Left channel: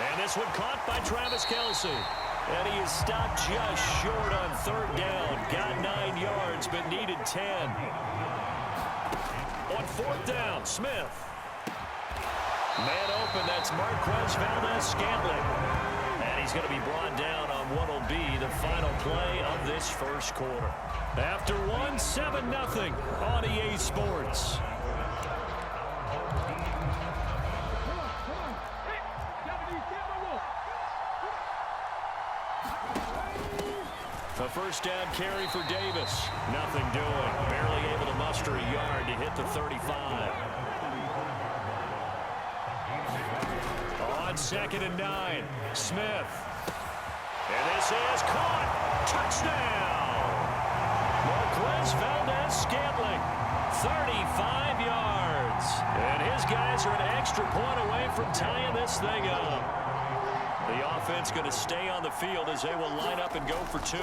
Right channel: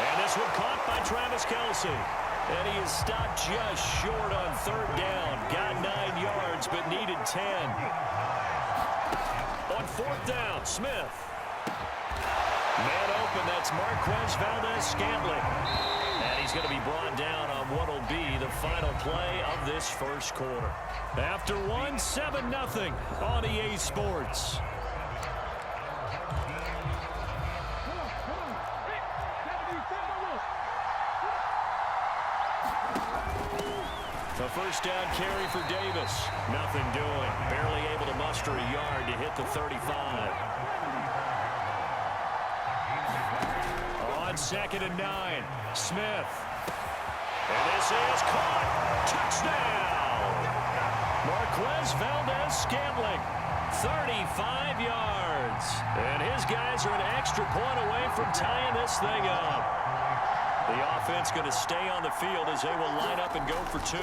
And this one caught by Travis Kelce. And he is stopped just short on third down. Got 9 yards, but needed 10. On fourth down, Smith. Man open, that's Marquez Valdez-Scantling. And he's going to be brought down on what will be the final play of this first quarter. After one, 7-0 on EA Sports. A first down carry for Davis. Nothing doing. Barely able to muster a yard to hit the 35. On 2nd and 9, Smith. And this is caught. Touchdown! Marquez Valdez-Scantling, 35 yards. And his guys are an extra point away from tying this thing up. The offense going to stay on the field as they will line up and go for 2.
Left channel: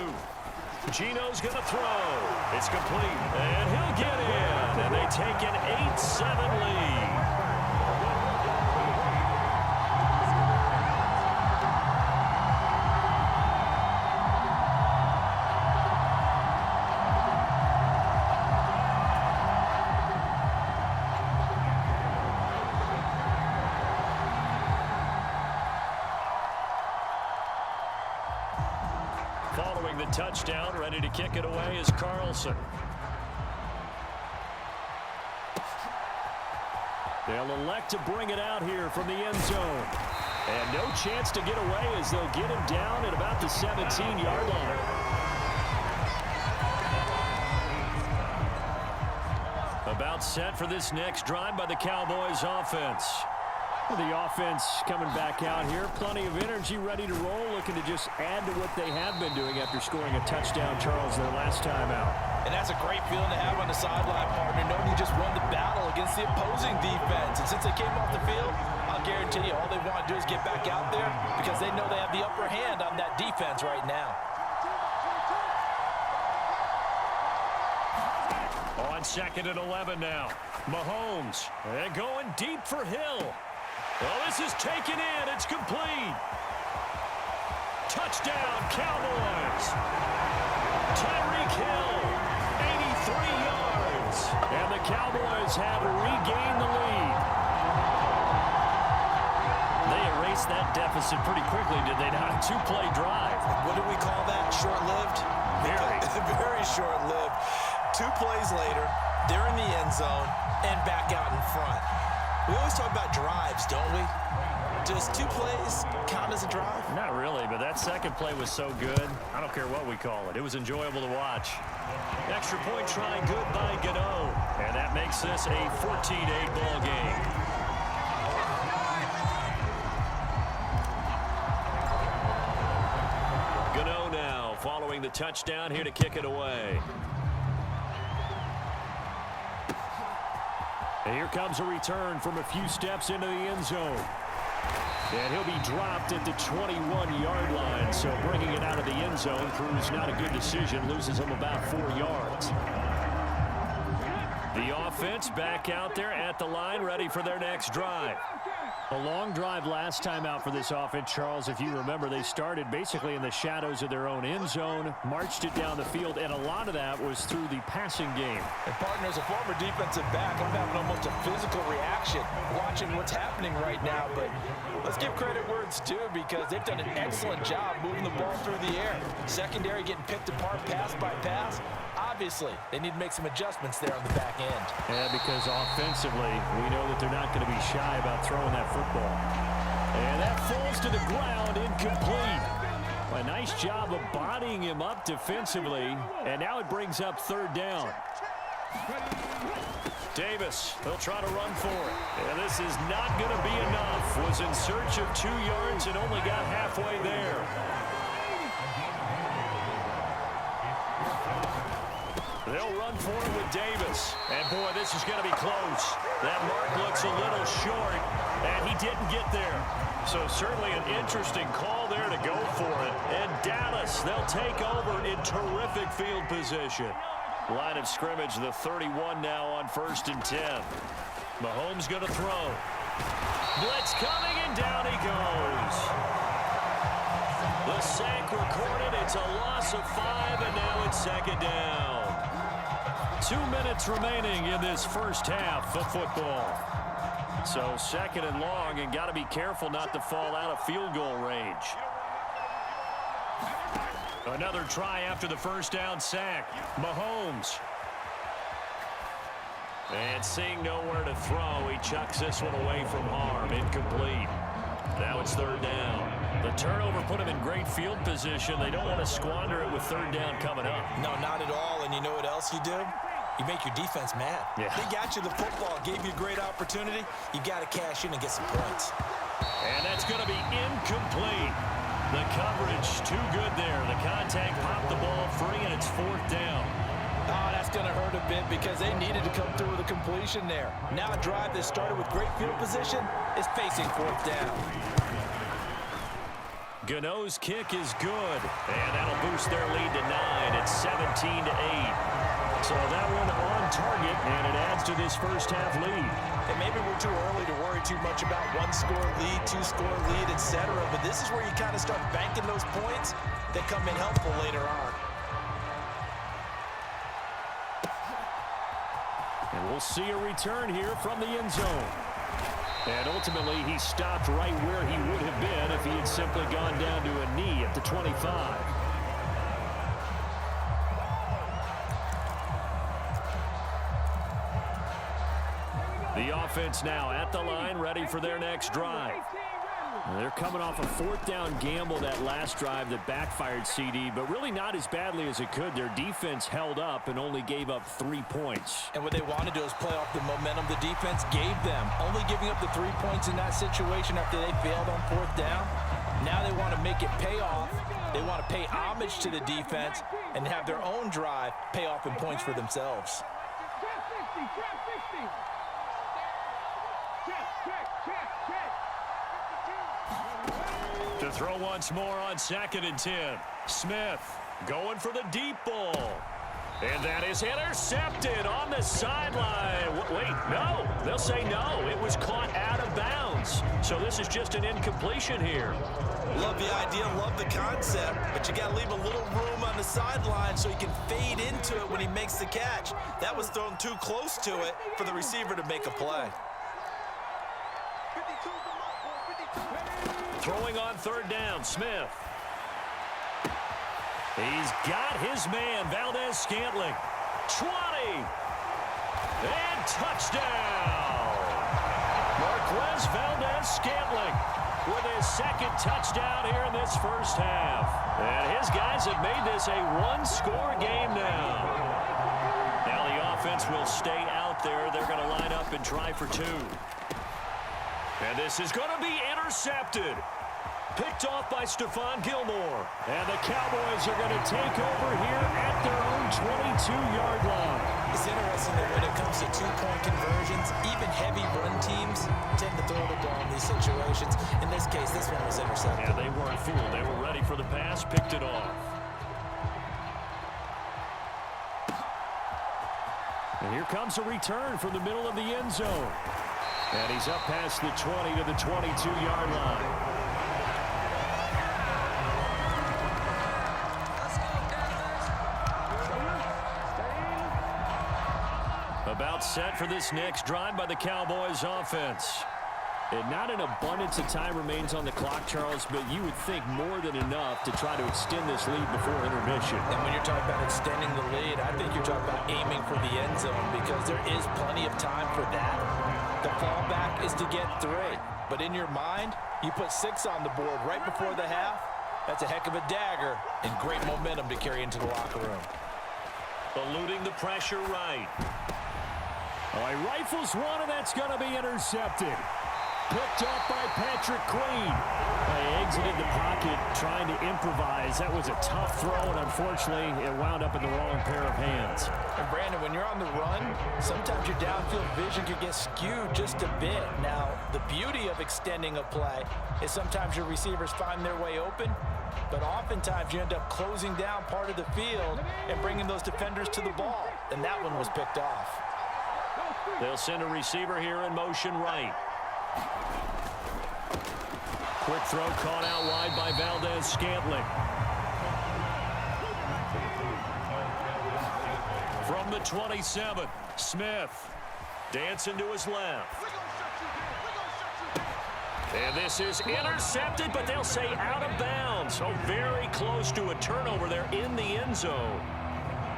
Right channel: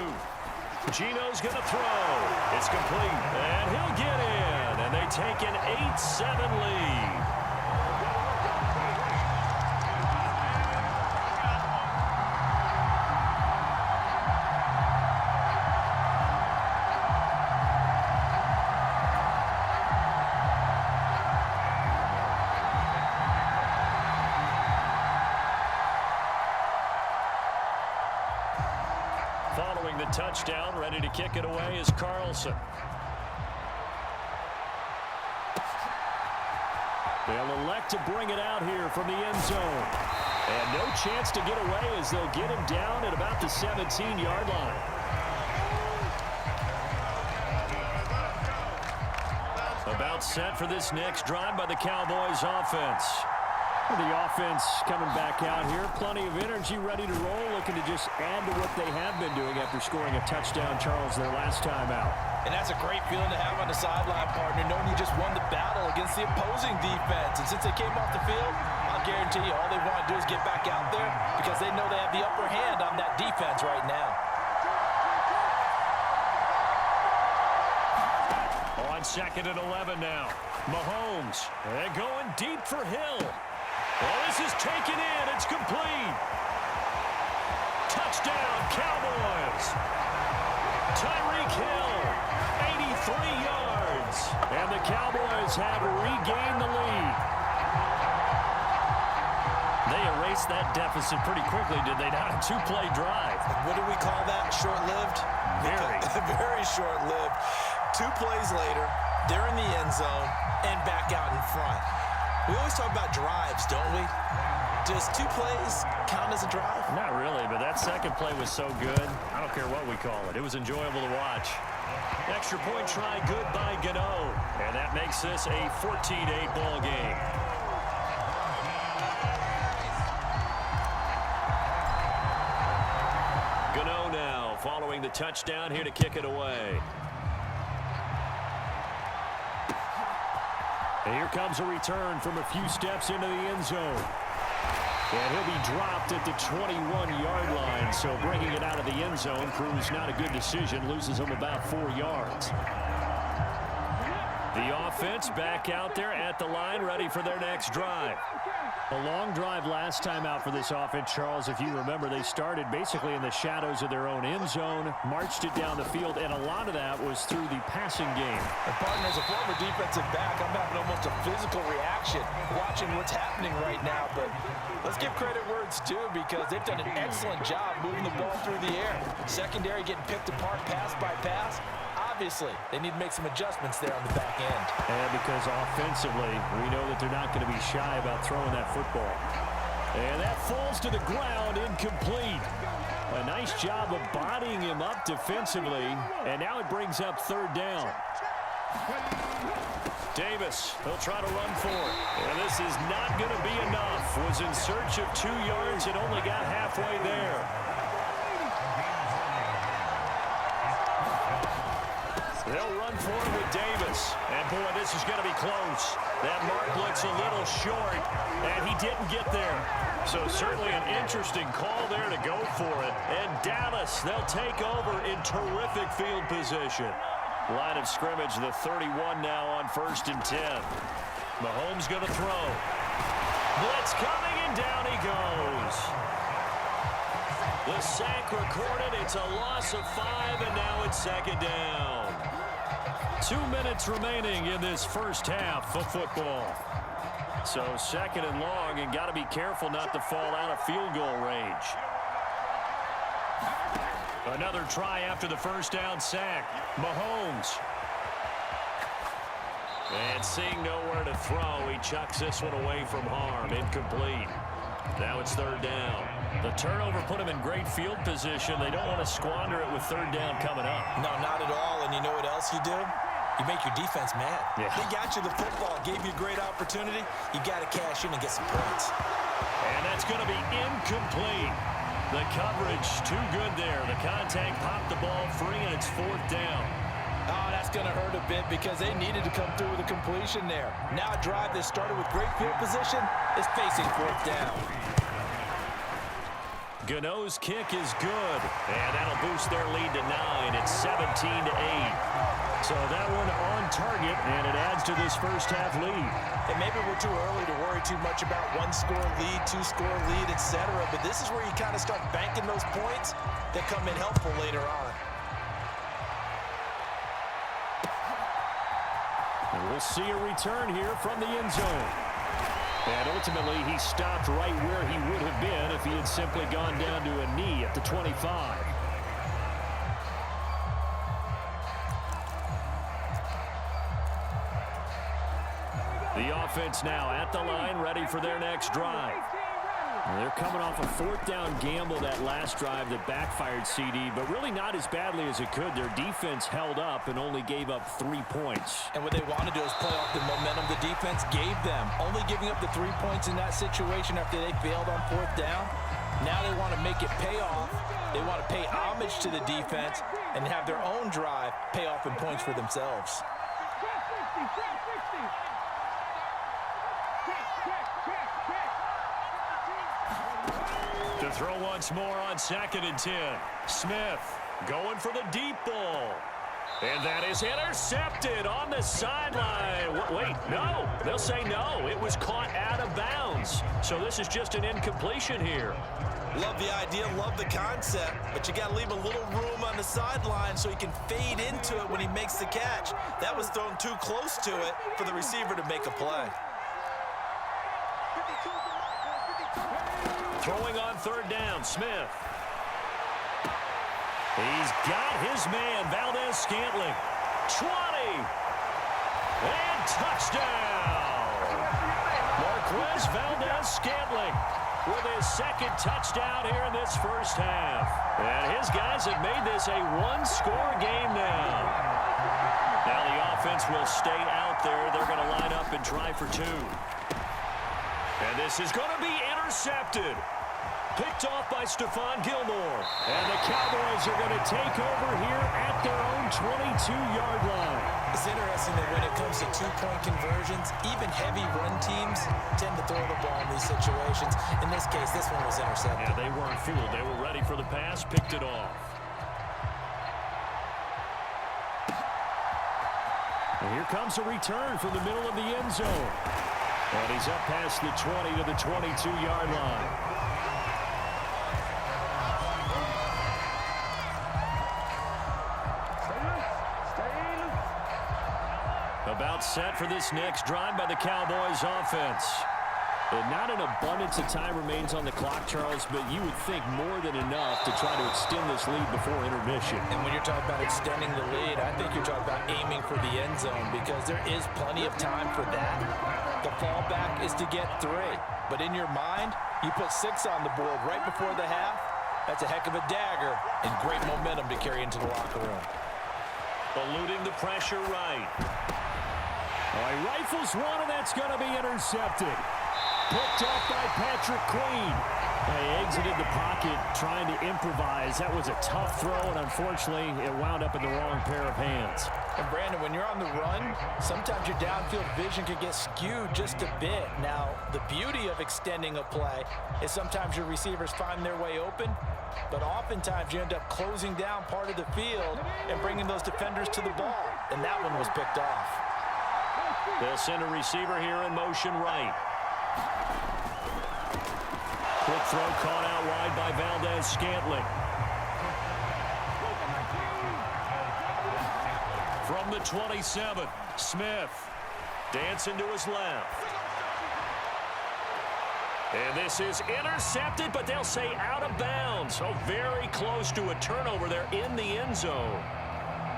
Gino's going to throw. It's complete. And he'll get in. And they take an 8-7 lead. Following the touchdown, ready to kick it away is Carlson. They'll elect to bring it out here from the end zone. And no chance to get away as they'll get him down at about the 17-yard line. About set for this next drive by the Cowboys offense. The offense coming back out here. Plenty of energy, ready to roll, looking to just add to what they have been doing after scoring a touchdown, Charles, their last time out. And that's a great feeling to have on the sideline, partner, knowing you just won the battle against the opposing defense. And since they came off the field, I'll guarantee you all they want to do is get back out there because they know they have the upper hand on that defense right now. On 2nd and 11 now. Mahomes, and going deep for Hill. Well, this is taken in. It's complete. Touchdown, Cowboys. Tyreek Hill, 83 yards. And the Cowboys have regained the lead. They erased that deficit pretty quickly, did they not? A 2-play drive. What do we call that? Short-lived? Very. Very short-lived. 2 plays later, they're in the end zone and back out in front. We always talk about drives, don't we? Does 2 plays count as a drive? Not really, but that second play was so good. I don't care what we call it. It was enjoyable to watch. Extra point try good by Gano. And that makes this a 14-8 ball game. Gano now following the touchdown here to kick it away. And here comes a return from a few steps into the end zone. And he'll be dropped at the 21-yard line. So bringing it out of the end zone proves not a good decision. Loses him about 4 yards. The offense back out there at the line, ready for their next drive. A long drive last time out for this offense, Charles. If you remember, they started basically in the shadows of their own end zone, marched it down the field, and a lot of that was through the passing game. And partner, as a former defensive back, I'm having almost a physical reaction watching what's happening right now. But let's give credit where it's due because they've done an excellent job moving the ball through the air. Secondary getting picked apart pass by pass. Obviously, they need to make some adjustments there on the back end. And because offensively, we know that they're not going to be shy about throwing that football. And that falls to the ground, incomplete. A nice job of bodying him up defensively. And now it brings up 3rd down. Davis, he'll try to run for it. And this is not going to be enough. Was in search of 2 yards and only got halfway there. They'll run for it with Davis. And, boy, this is going to be close. That mark looks a little short, and he didn't get there. So certainly an interesting call there to go for it. And Dallas, they'll take over in terrific field position. Line of scrimmage, the 31 now on 1st and 10. Mahomes going to throw. Blitz coming, and down he goes. a sack recorded. It's a loss of 5, and now it's second down. 2 minutes remaining in this first half of football. So second and long, and got to be careful not to fall out of field goal range. Another try after the first down sack. Mahomes. And seeing nowhere to throw, he chucks this one away from harm. Incomplete. Now it's third down. The turnover put him in great field position. They don't want to squander it with third down coming up. No, not at all. And you know what else you do? You make your defense mad. Yeah. They got you the football, gave you a great opportunity. You got to cash in and get some points. And that's going to be incomplete. The coverage too good there. The contact popped the ball free, and it's fourth down. Oh, that's going to hurt a bit because they needed to come through with a completion there. Now a drive that started with great field position is facing fourth down. Gano's kick is good, and that'll boost their lead to 9. It's 17-8. So that one on target, and it adds to this first half lead. And maybe we're too early to worry too much about one-score lead, two-score lead, etc. But this is where you kind of start banking those points that come in helpful later on. And we'll see a return here from the end zone. And ultimately, he stopped right where he would have been if he had simply gone down to a knee at the 25. The offense now at the line, ready for their next drive. They're coming off a fourth down gamble that last drive that backfired, CD, but really not as badly as it could. Their defense held up and only gave up 3 points. And what they want to do is play off the momentum the defense gave them. Only giving up the 3 points in that situation after they failed on fourth down. Now they want to make it pay off. They want to pay homage to the defense and have their own drive pay off in points for themselves. To throw once more on 2nd and 10. Smith going for the deep ball. And that is intercepted on the sideline. Wait, no. They'll say no. It was caught out of bounds. So this is just an incompletion here. Love the idea, love the concept, but you got to leave a little room on the sideline so he can fade into it when he makes the catch. That was thrown too close to it for the receiver to make a play. Throwing on third down, Smith. He's got his man, Valdez-Scantling. 20. And touchdown. Marquez Valdez-Scantling with his second touchdown here in this first half. And his guys have made this a one-score game now. Now the offense will stay out there. They're going to line up and try for 2. And this is going to be intercepted. Picked off by Stephon Gilmore. And the Cowboys are going to take over here at their own 22-yard line. It's interesting that when it comes to two-point conversions, even heavy run teams tend to throw the ball in these situations. In this case, this one was intercepted. Yeah, they weren't fooled. They were ready for the pass, picked it off. And here comes a return from the middle of the end zone. And he's up past the 20 to the 22-yard line. About set for this next drive by the Cowboys offense. And not an abundance of time remains on the clock, Charles, but you would think more than enough to try to extend this lead before intermission. And when you're talking about extending the lead, I think you're talking about aiming for the end zone because there is plenty of time for that. The fallback is to get 3. But in your mind, you put 6 on the board right before the half. That's a heck of a dagger and great momentum to carry into the locker room. Eluding the pressure right. Oh, he rifles one, and that's going to be intercepted. Picked off by Patrick Queen. He exited the pocket trying to improvise. That was a tough throw, and unfortunately, it wound up in the wrong pair of hands. And Brandon, when you're on the run, sometimes your downfield vision can get skewed just a bit. Now, the beauty of extending a play is sometimes your receivers find their way open, but oftentimes you end up closing down part of the field and bringing those defenders to the ball, and that one was picked off. They'll send a receiver here in motion right. Quick throw caught out wide by Valdez-Scantling. From the 27, Smith. Dancing to his left. And this is intercepted, but they'll say out of bounds. So very close to a turnover there in the end zone.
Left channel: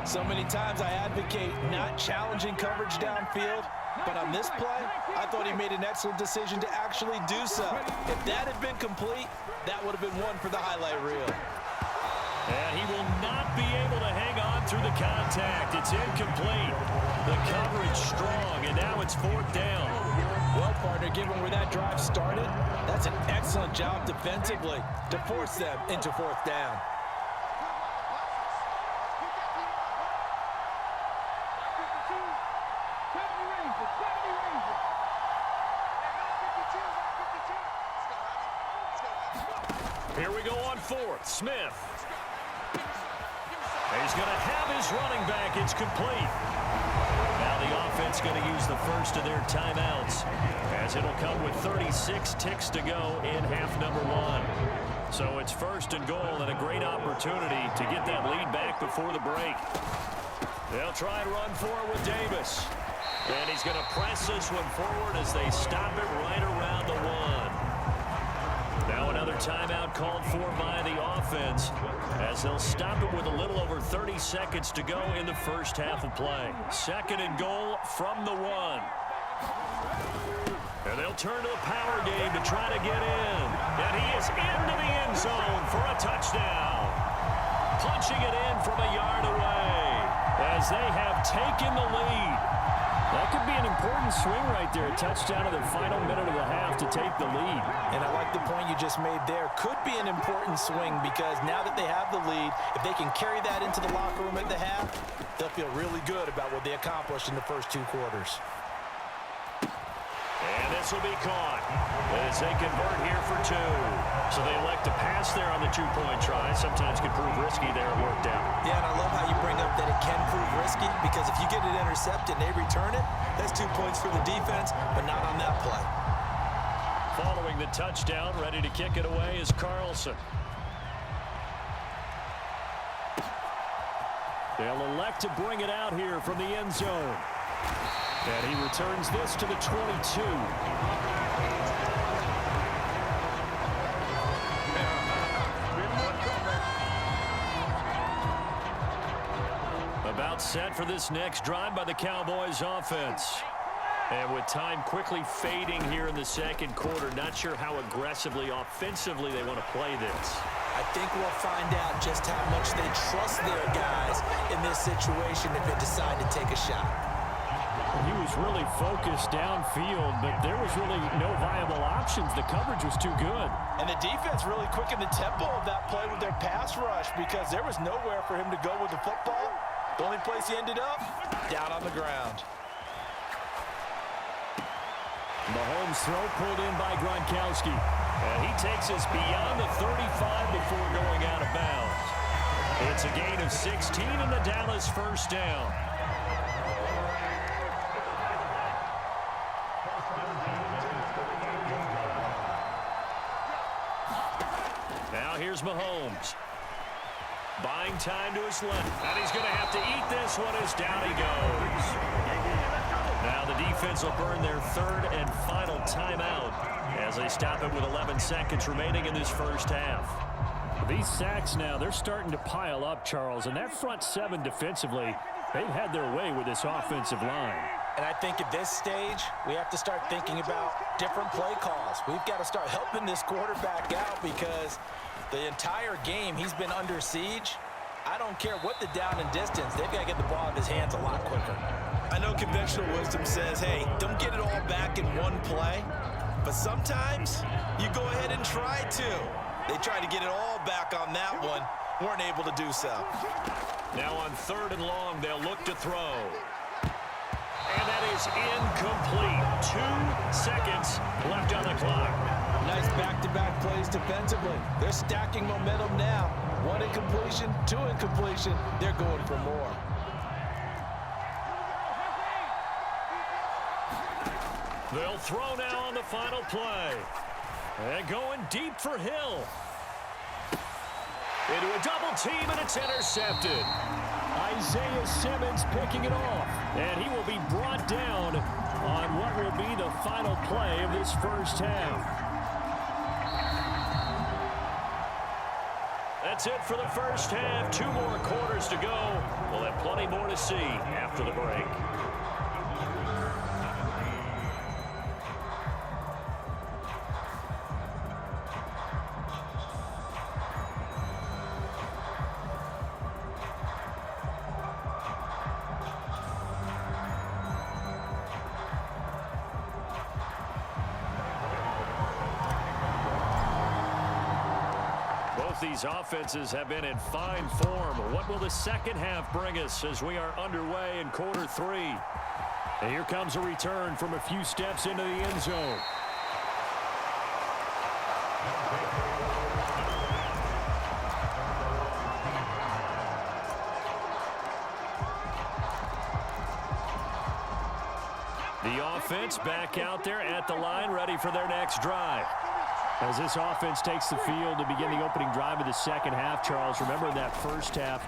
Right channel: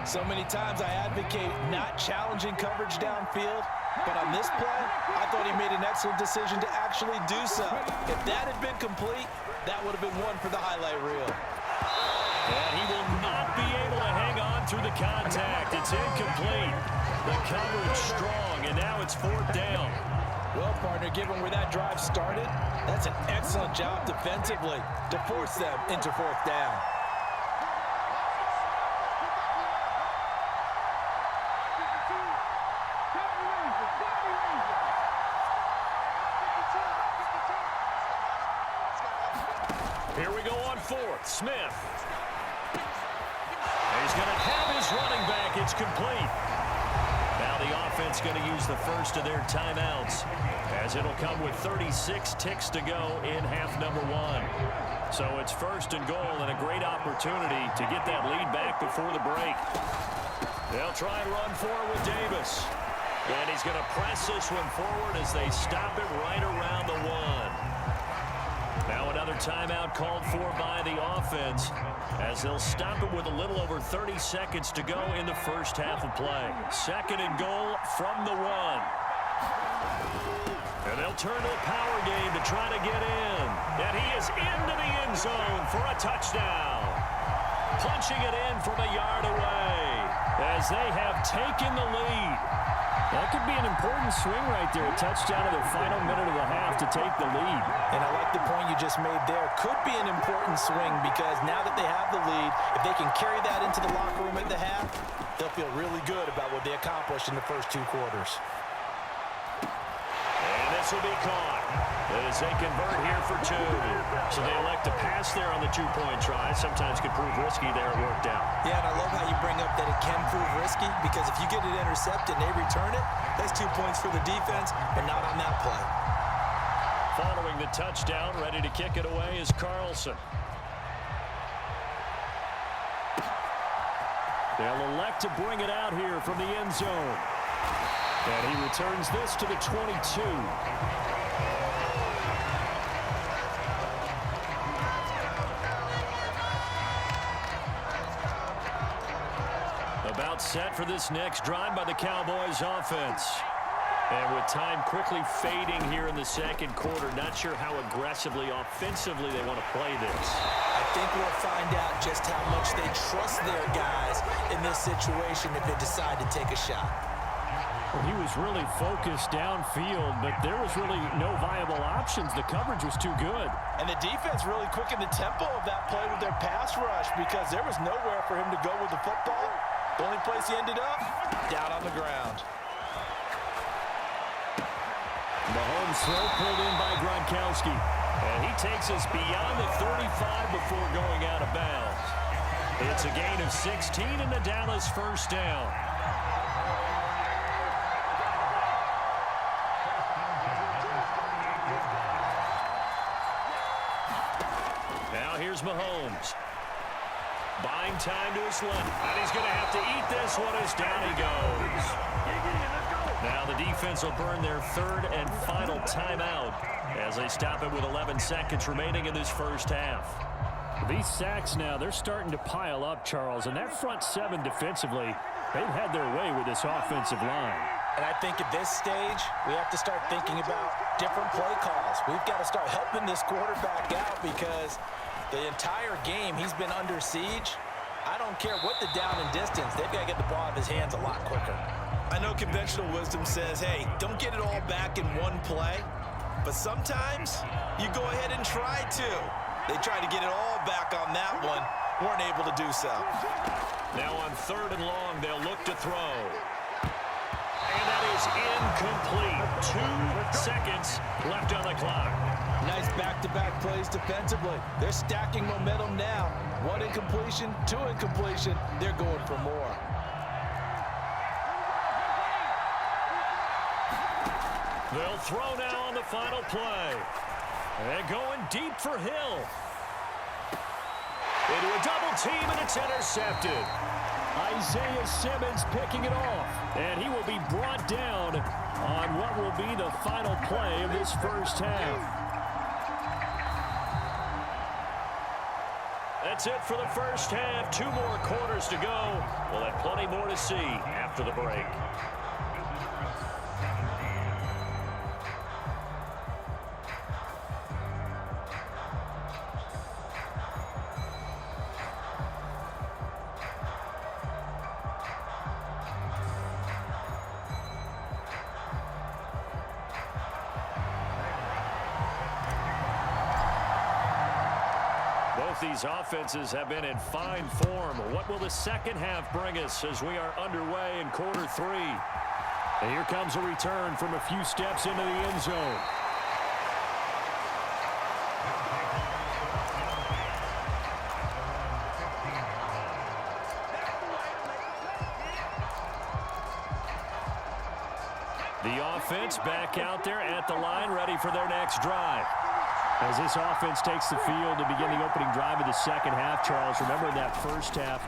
So many times I advocate not challenging coverage downfield, but on this play, I thought he made an excellent decision to actually do so. If that had been complete, that would have been one for the highlight reel. And he will not be able to hang on through the contact. It's incomplete. The coverage strong, and now it's 4th down. Well, partner, given where that drive started, that's an excellent job defensively to force them into 4th down. Here we go on 4th. Smith. He's going to have his running back. It's complete. Now the offense going to use the first of their timeouts, as it'll come with 36 ticks to go in half number 1. So it's 1st and goal, and a great opportunity to get that lead back before the break. They'll try and run for it with Davis. And he's going to press this one forward as they stop it right around the 1. Now another timeout called for by the offense, as they'll stop it with a little over 30 seconds to go in the first half of play. 2nd and goal from the 1. And they'll turn to the power game to try to get in. And he is into the end zone for a touchdown. Punching it in from a yard away as they have taken the lead. That could be an important swing right there. A touchdown in the final minute of the half to take the lead. And I like the point you just made there. Could be an important swing because now that they have the lead, if they can carry that into the locker room at the half, they'll feel really good about what they accomplished in the first 2 quarters. And this will be caught as they convert here for 2. So they elect to pass there on the 2-point try. Sometimes could prove risky there. It worked out. Yeah, and I love how you bring up that it can prove risky because if you get it intercepted and they return it, that's 2 points for the defense, but not on that play. Following the touchdown, ready to kick it away is Carlson. They'll elect to bring it out here from the end zone. And he returns this to the 22. About set for this next drive by the Cowboys offense. And with time quickly fading here in the 2nd quarter, not sure how aggressively, offensively they want to play this. I think we'll find out just how much they trust their guys in this situation if they decide to take a shot. Well, he was really focused downfield, but there was really no viable options. The coverage was too good. And the defense really quickened the tempo of that play with their pass rush because there was nowhere for him to go with the football. The only place he ended up, down on the ground. Mahomes' throw pulled in by Gronkowski. And he takes us beyond the 35 before going out of bounds. It's a gain of 16 and the Dallas 1st down. Now here's Mahomes. Buying time to his left. And he's going to have to eat this one as down he goes. Now the defense will burn their 3rd and final timeout as they stop it with 11 seconds remaining in this first half. These sacks now, they're starting to pile up, Charles. And that front 7 defensively, they've had their way with this offensive line. And I think at this stage, we have to start thinking about different play calls. We've got to start helping this quarterback out because the entire game he's been under siege. I don't care what the down and distance. They've got to get the ball out of his hands a lot quicker. I know conventional wisdom says, hey, don't get it all back in one play. But sometimes you go ahead and try to. They tried to get it all back on that one. Weren't able to do so. Now on 3rd and long, they'll look to throw. And that is incomplete. 2 seconds left on the clock. Nice back-to-back plays defensively. They're stacking momentum now. 1 incompletion, 2 incompletion. They're going for more. They'll throw now on the final play. And going deep for Hill. Into a double team, and it's intercepted. Isaiah Simmons picking it off. And he will be brought down on what will be the final play of this first half. That's it for the first half. 2 more quarters to go. We'll have plenty more to see after the break. Both these offenses have been in fine form. What will the second half bring us as we are underway in quarter 3? And here comes a return from a few steps into the end zone. The offense back out there at the line, ready for their next drive. As this offense takes the field to begin the opening drive of the second half, Charles, remember in that first half,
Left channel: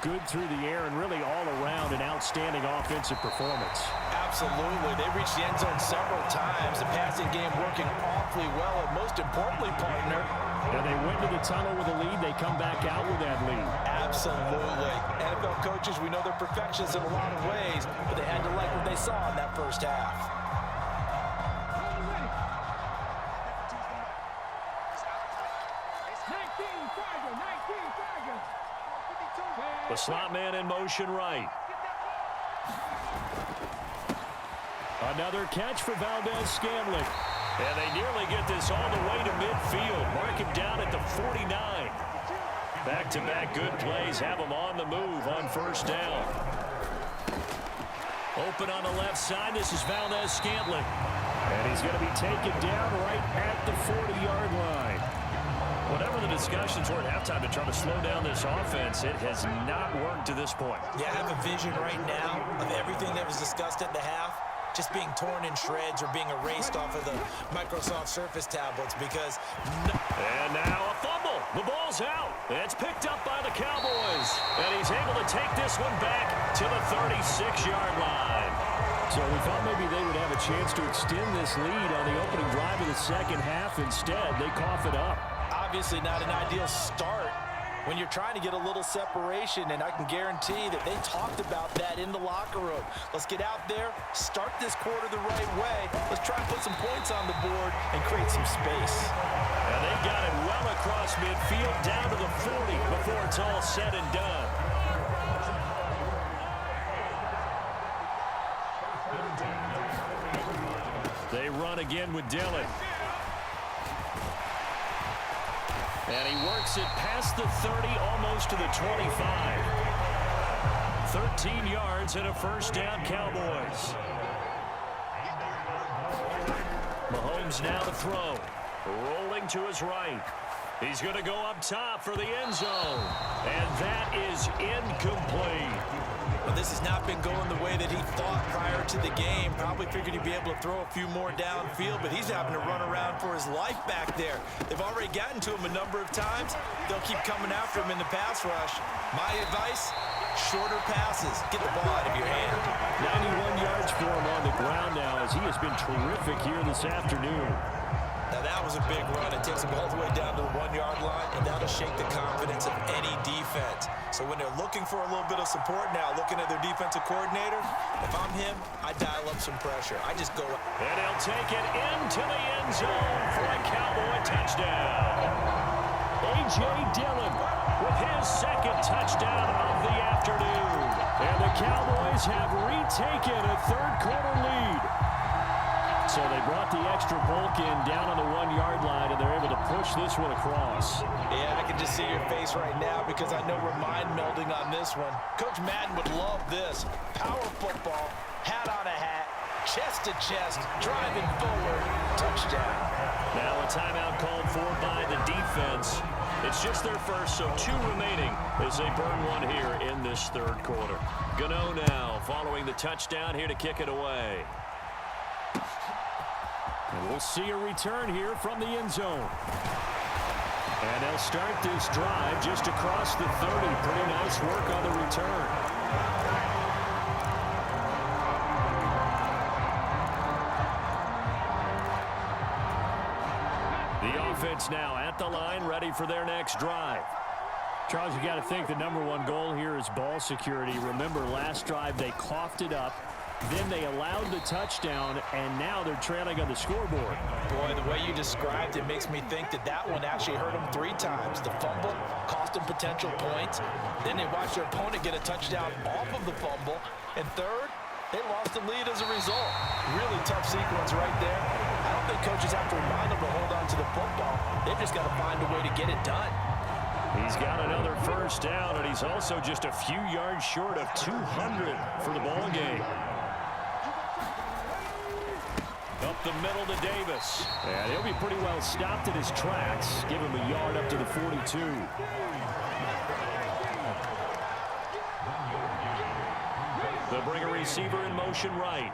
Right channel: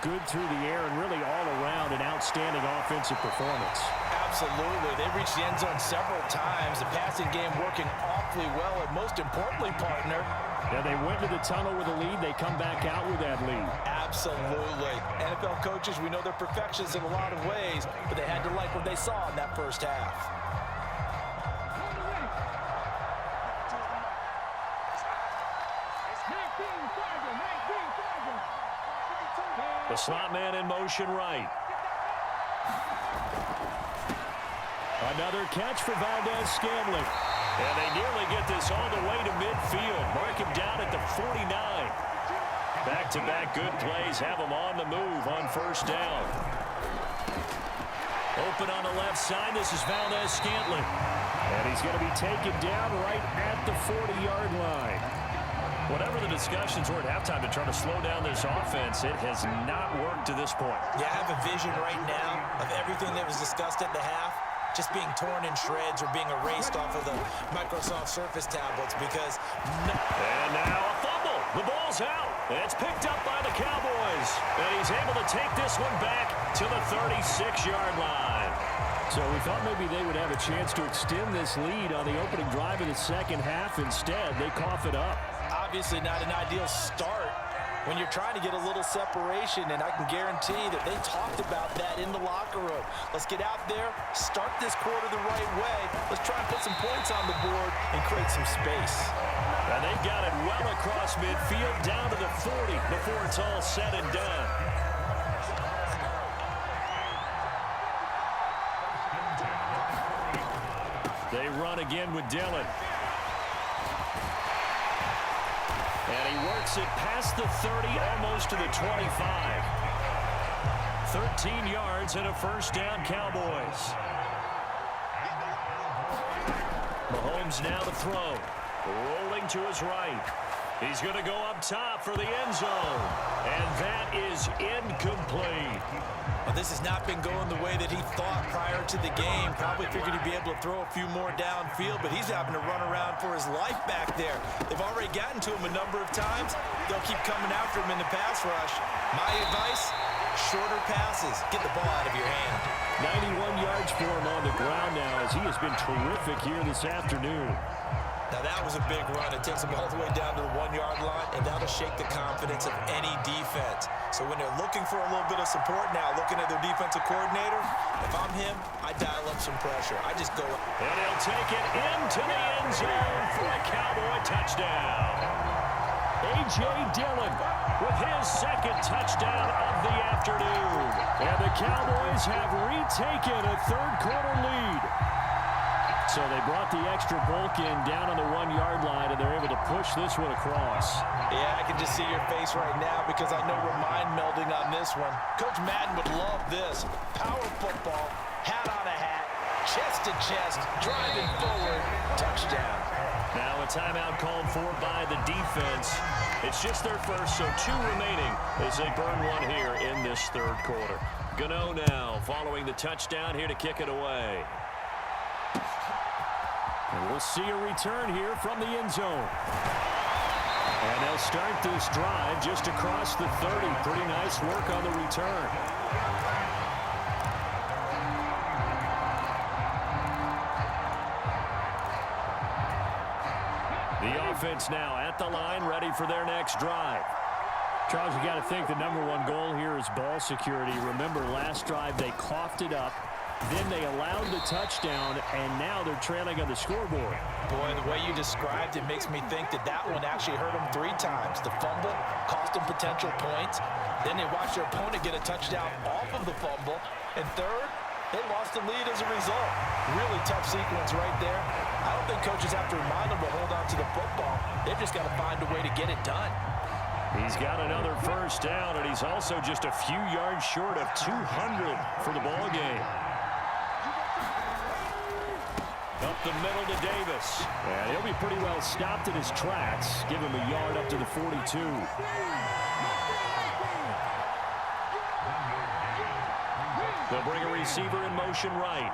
good through the air and really all around an outstanding offensive performance. Absolutely. They reached the end zone several times. The passing game working awfully well, and most importantly, partner, yeah, they went to the tunnel with a lead. They come back out with that lead. Absolutely. NFL coaches, we know they're perfectionists in a lot of ways, but they had to like what they saw in that first half. The slot man in motion right. Another catch for Valdez-Scantling. And they nearly get this all the way to midfield. Mark him down at the 49. Back-to-back good plays have him on the move on first down. Open on the left side. This is Valdez-Scantling. And he's going to be taken down right at the 40-yard line. Whatever the discussions were at halftime to try to slow down this offense, it has not worked to this point. Yeah, I have a vision right now of everything that was discussed at the half just being torn in shreds or being erased off of the Microsoft Surface tablets because... And now a fumble. The ball's out. It's picked up by the Cowboys. And he's able to take this one back to the 36-yard line. So we thought maybe they would have a chance to extend this lead on the opening drive of the second half. Instead, they cough it up. Obviously not an ideal start when you're trying to get a little separation, and I can guarantee that they talked about that in the locker room. Let's get out there, start this quarter the right way. Let's try and put some points on the board and create some space. And they've got it well across midfield down to the 40 before it's all said and done. They run again with Dillon. And he works it past the 30, almost to the 25. 13 yards and a first down, Cowboys. Mahomes now to throw. Rolling to his right. He's going to go up top for the end zone. And that is incomplete. Well, this has not been going the way that he thought prior to the game. Probably figured he'd be able to throw a few more downfield, but he's having to run around for his life back there. They've already gotten to him a number of times. They'll keep coming after him in the pass rush. My advice, shorter passes. Get the ball out of your hand. 91 yards for him on the ground now as he has been terrific here this afternoon. Now that was a big run. It takes them all the way down to the 1-yard line, and that'll shake the confidence of any defense. So when they're looking for a little bit of support now, looking at their defensive coordinator, if I'm him, I dial up some pressure. I just go. And he'll take it into the end zone for a Cowboy touchdown. A.J. Dillon with his second touchdown of the afternoon. And the Cowboys have retaken a third-quarter lead. So they brought the extra bulk in down on the 1-yard line, and they're able to push this one across. Yeah, I can just see your face right now because I know we're mind melding on this one. Coach Madden would love this. Power football, hat on a hat, chest to chest, driving forward, touchdown. Now a timeout called for by the defense. It's just their first, so 2 remaining as they burn one here in this third quarter. Gano now following the touchdown here to kick it away. And we'll see a return here from the end zone. And they'll start this drive just across the 30. Pretty nice work on the return. The offense now at the line, ready for their next drive. Charles, you got to think the #1 goal here is ball security. Remember, last drive they coughed it up. Then they allowed the touchdown, and now they're trailing on the scoreboard. Boy, the way you described it makes me think that that one actually hurt them 3 times. The fumble cost them potential points. Then they watched their opponent get a touchdown off of the fumble. And third, they lost the lead as a result. Really tough sequence right there. I don't think coaches have to remind them to hold on to the football. They've just got to find a way to get it done. He's got another first down, and he's also just a few yards short of 200 for the ball game. Up the middle to Davis. And he'll be pretty well stopped at his tracks. Give him a yard up to the 42. They'll bring a receiver in motion right.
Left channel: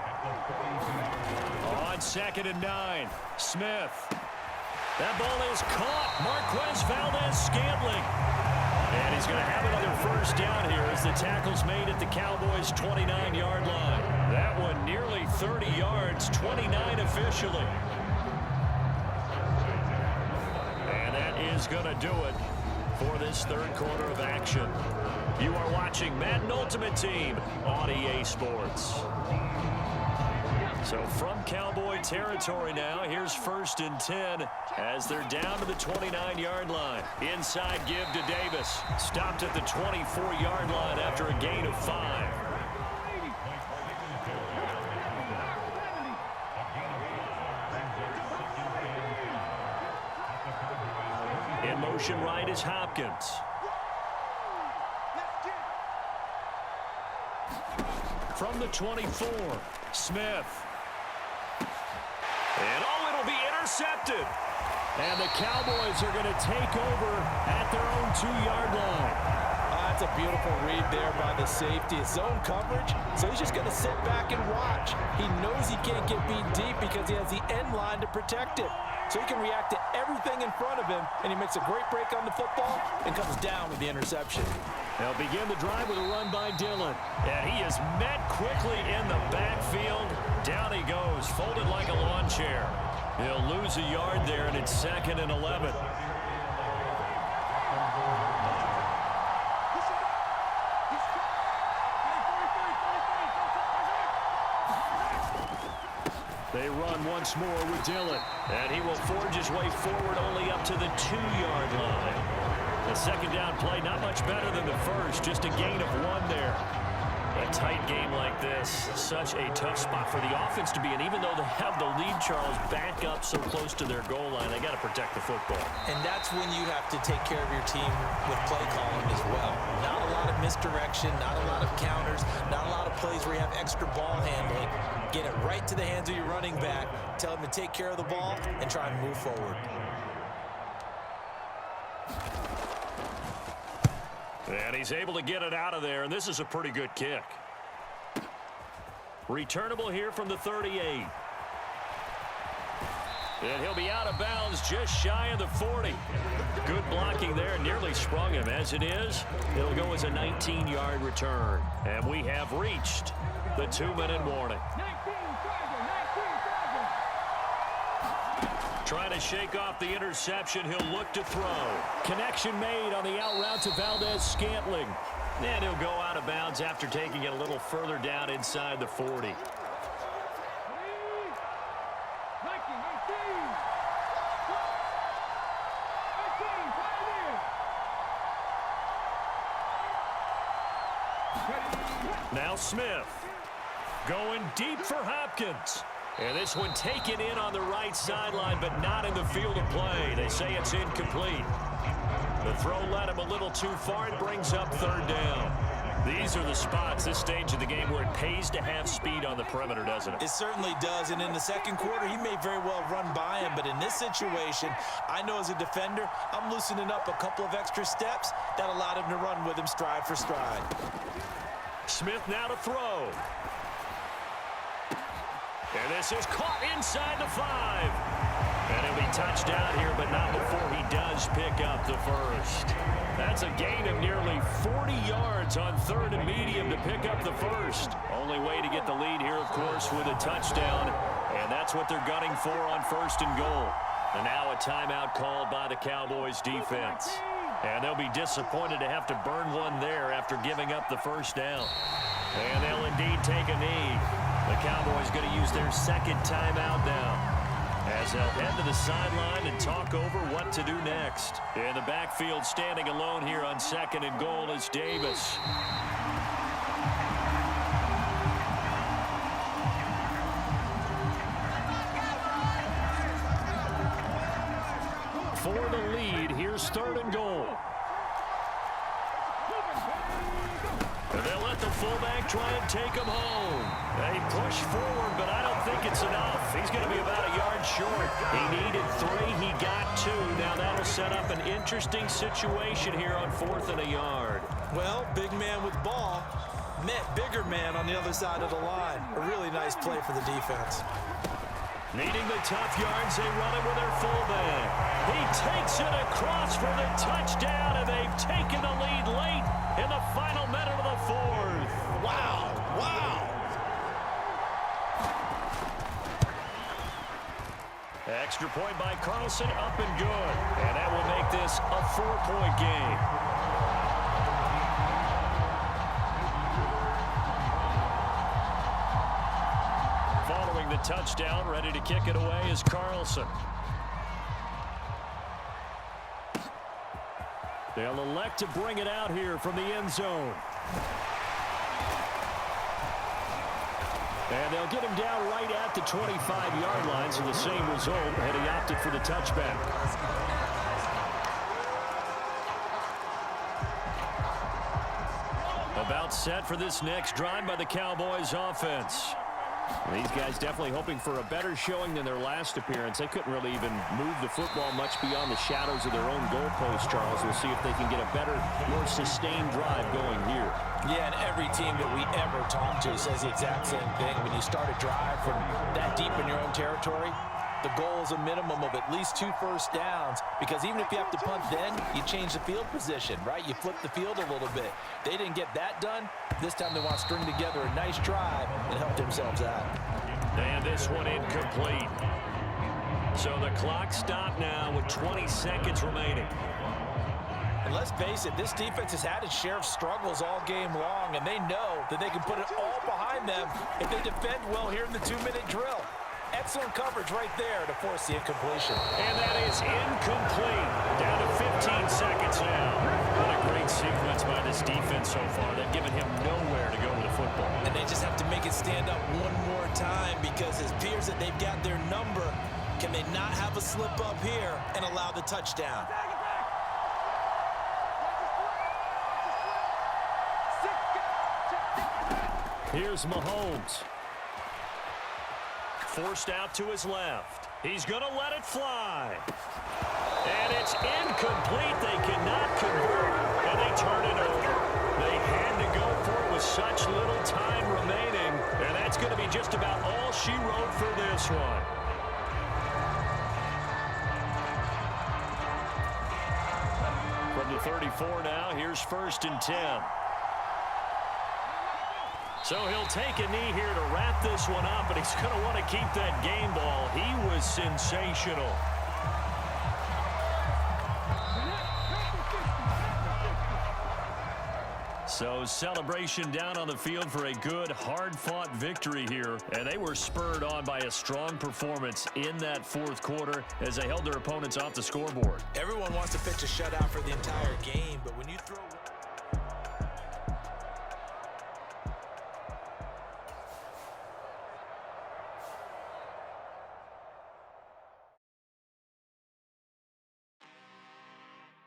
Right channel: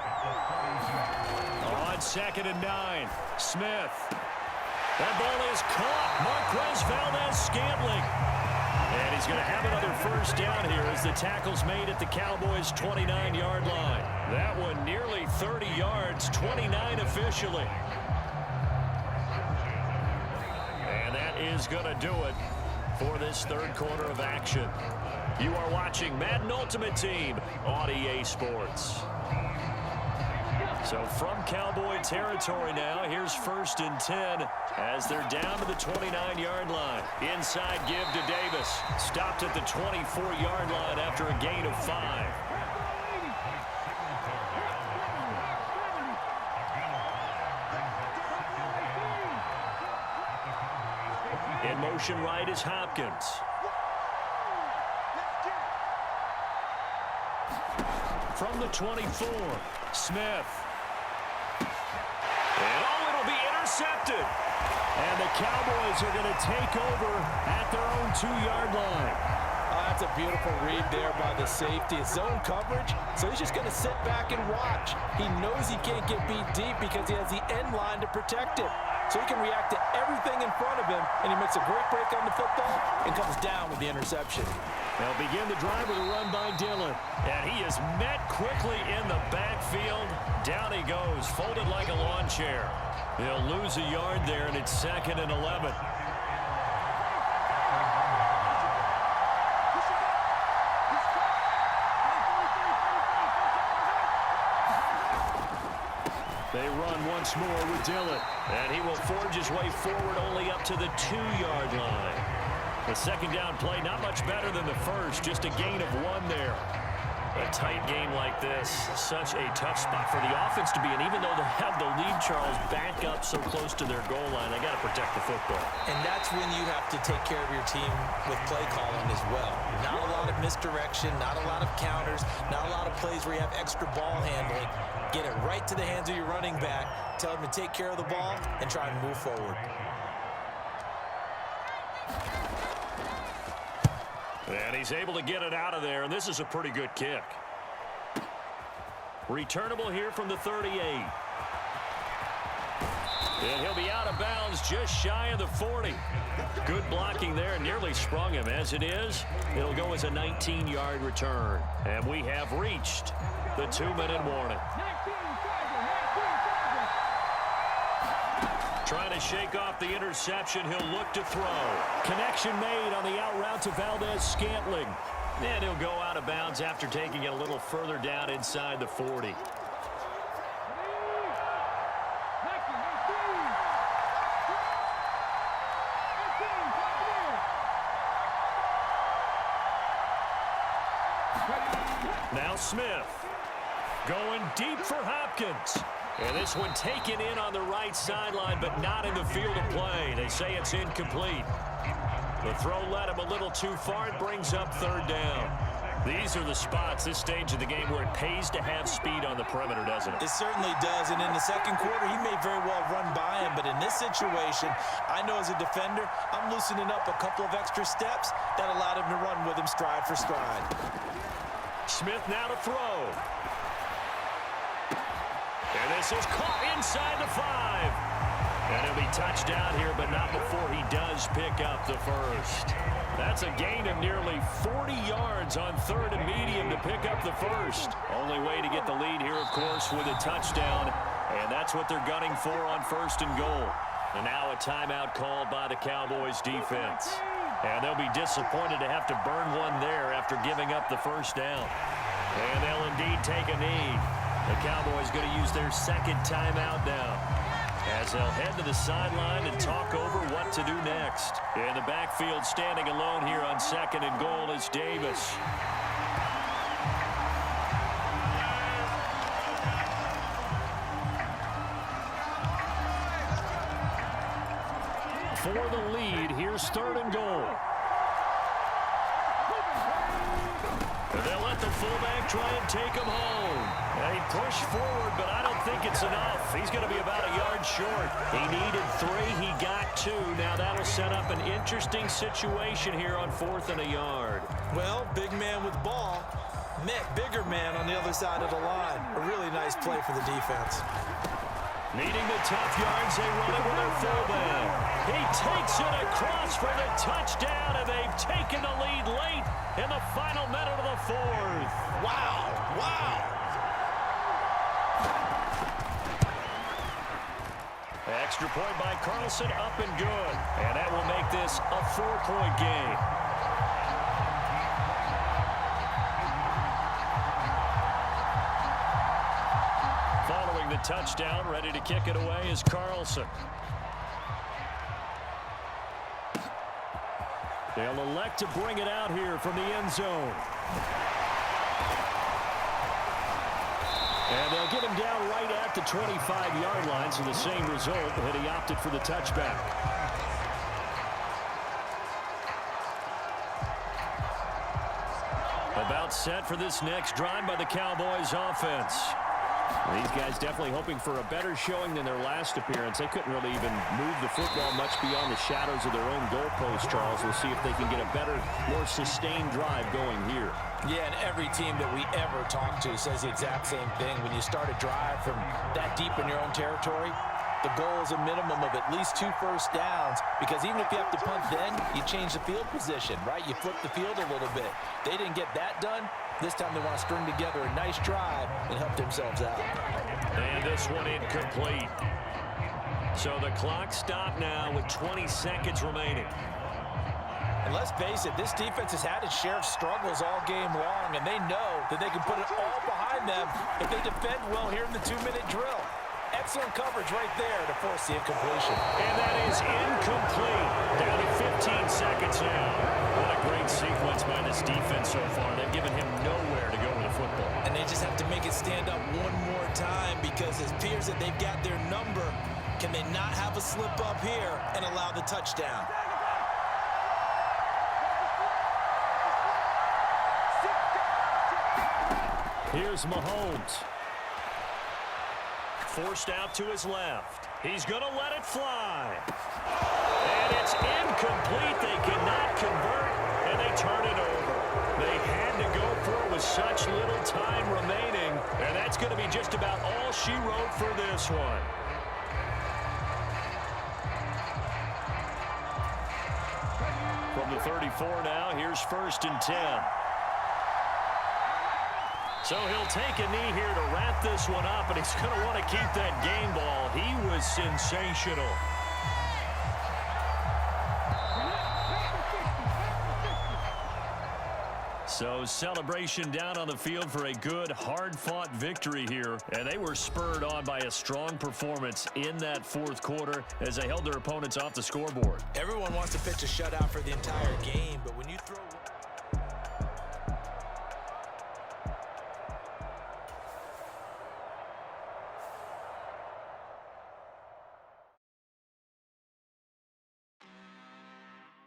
On 2nd and 9. Smith. That ball is caught. Marquez Valdez-Scantling. And he's going to have another first down here as the tackle's made at the Cowboys' 29-yard line. That one nearly 30 yards, 29 officially. And that is going to do it for this third quarter of action. You are watching Madden Ultimate Team on EA Sports. So from Cowboy territory now, here's 1st and 10 as they're down to the 29-yard line. Inside give to Davis. Stopped at the 24-yard line after a gain of 5. In motion right is Hopkins. From the 24, Smith. And it'll be intercepted. And the Cowboys are going to take over at their own 2-yard line. That's a beautiful read there by the safety. It's zone coverage, so he's just going to sit back and watch. He knows he can't get beat deep because he has the end line to protect it. So he can react to everything in front of him, and he makes a great break on the football and comes down with the interception. They'll begin the drive with a run by Dillon. And he is met quickly in the backfield. Down he goes, folded like a lawn chair. He'll lose a yard there, and it's 2nd and 11. They run once more with Dillon. And he will forge his way forward only up to the 2-yard line. The second down play, not much better than the first, just a gain of 1 there. A tight game like this, such a tough spot for the offense to be in. Even though they have the lead, Charles, back up so close to their goal line, they got to protect the football. And that's when you have to take care of your team with play calling as well. Not a lot of misdirection, not a lot of counters, not a lot of plays where you have extra ball handling. Get it right to the hands of your running back, tell him to take care of the ball, and try and move forward. And he's able to get it out of there, and this is a pretty good kick. Returnable here from the 38. And he'll be out of bounds just shy of the 40. Good blocking there, nearly sprung him. As it is, it'll go as a 19-yard return. And we have reached the 2-minute warning. Trying to shake off the interception. He'll look to throw. Connection made on the out route to Valdez-Scantling. And he'll go out of bounds after taking it a little further down inside the 40. Now Smith going deep for Hopkins. And this one taken in on the right sideline, but not in the field of play. They say it's incomplete. The throw led him a little too far. It brings up 3rd down. These are the spots, this stage of the game, where it pays to have speed on the perimeter, doesn't it? It certainly does, and in the second quarter, he may very well run by him, but in this situation, I know as a defender, I'm loosening up a couple of extra steps that allowed him to run with him stride for stride. Smith now to throw. And this is caught inside the 5. And he'll be touched down here, but not before he does pick up the first. That's a gain of nearly 40 yards on 3rd and medium to pick up the first. Only way to get the lead here, of course, with a touchdown. And that's what they're gunning for on 1st and goal. And now a timeout called by the Cowboys defense. And they'll be disappointed to have to burn one there after giving up the first down. And they'll indeed take a knee. The Cowboys going to use their 2nd timeout now, as they'll head to the sideline and talk over what to do next. In the backfield, standing alone here on 2nd and goal is Davis. For the lead, here's 3rd and goal. And they'll let the fullback try and take him home. They push forward, but I don't think it's enough. He's going to be about a yard short. He needed 3. He got 2. Now that'll set up an interesting situation here on 4th and a yard. Well, big man with ball met bigger man on the other side of the line. A really nice play for the defense. Needing the tough yards, they run it with their fullback. He takes it across for the touchdown, and they've taken the lead late in the final minute of the 4th. Wow, wow. Extra point by Carlson, up and good. And that will make this a 4-point game. Following the touchdown, ready to kick it away is Carlson. They'll elect to bring it out here from the end zone. And they'll get him down right at the 25-yard line, so the same result, and he opted for the touchback. About set for this next drive by the Cowboys offense. These guys definitely hoping for a better showing than their last appearance. They couldn't really even move the football much beyond the shadows of their own goalpost, Charles. We'll see if they can get a better, more sustained drive going here. Yeah, and every team that we ever talk to says the exact same thing. When you start a drive from that deep in your own territory, the goal is a minimum of at least 2 first downs, because even if you have to punt then, you change the field position, right? You flip the field a little bit. They didn't get that done. This time they want to string together a nice drive and help themselves out. And this one incomplete. So the clock stopped now with 20 seconds remaining. And let's face it, this defense has had its share of struggles all game long, and they know that they can put it all behind them if they defend well here in the 2-minute drill. Excellent coverage right there to force the incompletion. And that is incomplete. Down to 15 seconds now. What a great sequence by this defense so far. They've given him nowhere to go with the football. And they just have to make it stand up one more time, because it appears that they've got their number. Can they not have a slip up here and allow the touchdown? Here's Mahomes. Forced out to his left. He's going to let it fly. And it's incomplete. They cannot convert, and they turn it over. They had to go for it with such little time remaining, and that's going to be just about all she wrote for this one. From the 34 now, here's 1st and 10. So he'll take a knee here to wrap this one up, and he's going to want to keep that game ball. He was sensational. So celebration down on the field for a good, hard-fought victory here. And they were spurred on by a strong performance in that 4th quarter as they held their opponents off the scoreboard. Everyone wants to pitch a shutout for the entire game, but when you throw...